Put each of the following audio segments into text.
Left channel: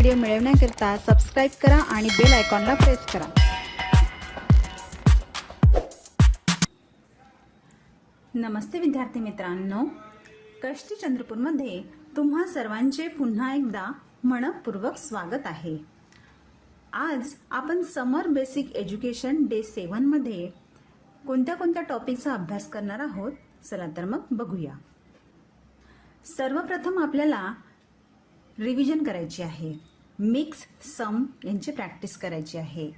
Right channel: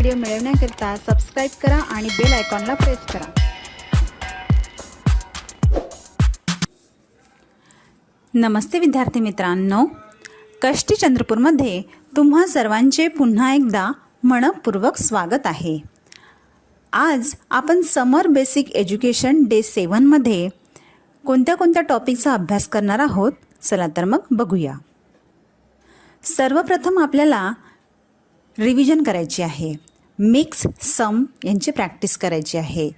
Video मिळवण्याकरिता subscribe करा आणि बेल आयकॉनला प्रेस करा। नमस्ते विद्यार्थी मित्रांनो, कष्टी चंद्रपूरमध्ये तुम्हा सर्वांचे पुन्हा एकदा मनपूर्वक स्वागत आहे। आज आपण समर बेसिक एज्युकेशन डे 7 मध्ये कोणत्या टॉपिकचा अभ्यास करणार आहोत, चला तर मग बघूया। सर्वप्रथम आपल्याला रिव्हिजन करायची आहे। मिक्स सम यांची प्रॅक्टिस करायची आहे।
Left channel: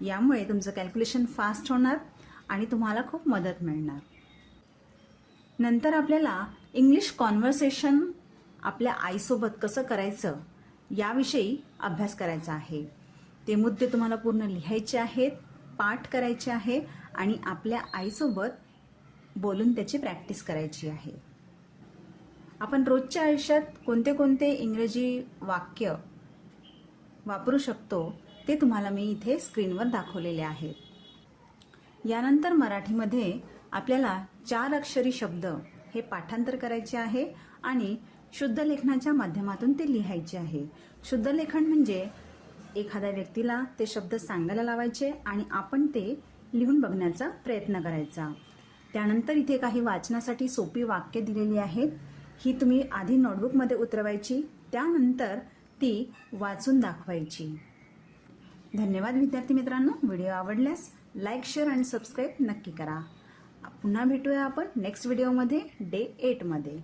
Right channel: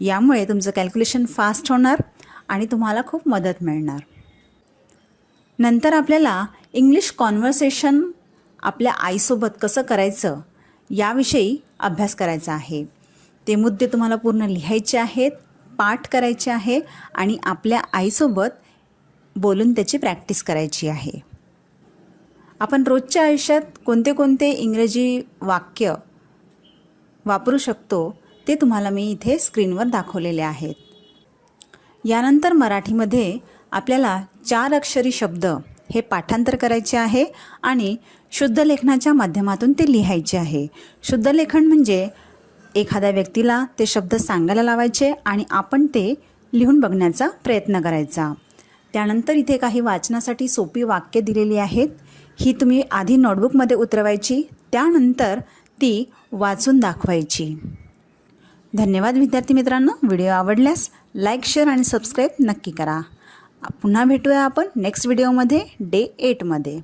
यामुळे तुमचं कॅल्क्युलेशन फास्ट होणार आणि तुम्हाला खूप मदत मिळणार। नंतर आपल्याला इंग्लिश कॉन्व्हर्सेशन आपल्या आईसोबत कसं करायचं याविषयी अभ्यास करायचा आहे। ते मुद्दे तुम्हाला पूर्ण लिहायचे आहेत, पाठ करायचे आहे आणि आपल्या आईसोबत बोलून त्याची प्रॅक्टिस करायची आहे। आपण रोजच्या आयुष्यात कोणते इंग्रजी वाक्य वापरू शकतो ते तुम्हाला मी इथे स्क्रीनवर दाखवलेले आहेत। यानंतर मराठीमध्ये आपल्याला 4 अक्षरी शब्द हे पाठांतर करायचे आहे आणि शुद्ध लेखनाच्या माध्यमातून ते लिहायचे आहे। शुद्ध लेखन म्हणजे एखाद्या व्यक्तीला ते शब्द सांगायला लावायचे आणि आपण ते लिहून बघण्याचा प्रयत्न करायचा। त्यानंतर इथे काही वाचनासाठी सोपी वाक्य दिलेली आहेत। ही तुम्ही आधी नोटबुकमध्ये उतरवायची, त्यानंतर ती वाचून दाखवायची। धन्यवाद विद्यार्थी मित्रांनो, व्हिडिओ आवडल्यास लाईक, शेअर आणि सबस्क्राईब नक्की करा। पुन्हा भेटूया आपण नेक्स्ट व्हिडिओमध्ये डे 8 मध्ये।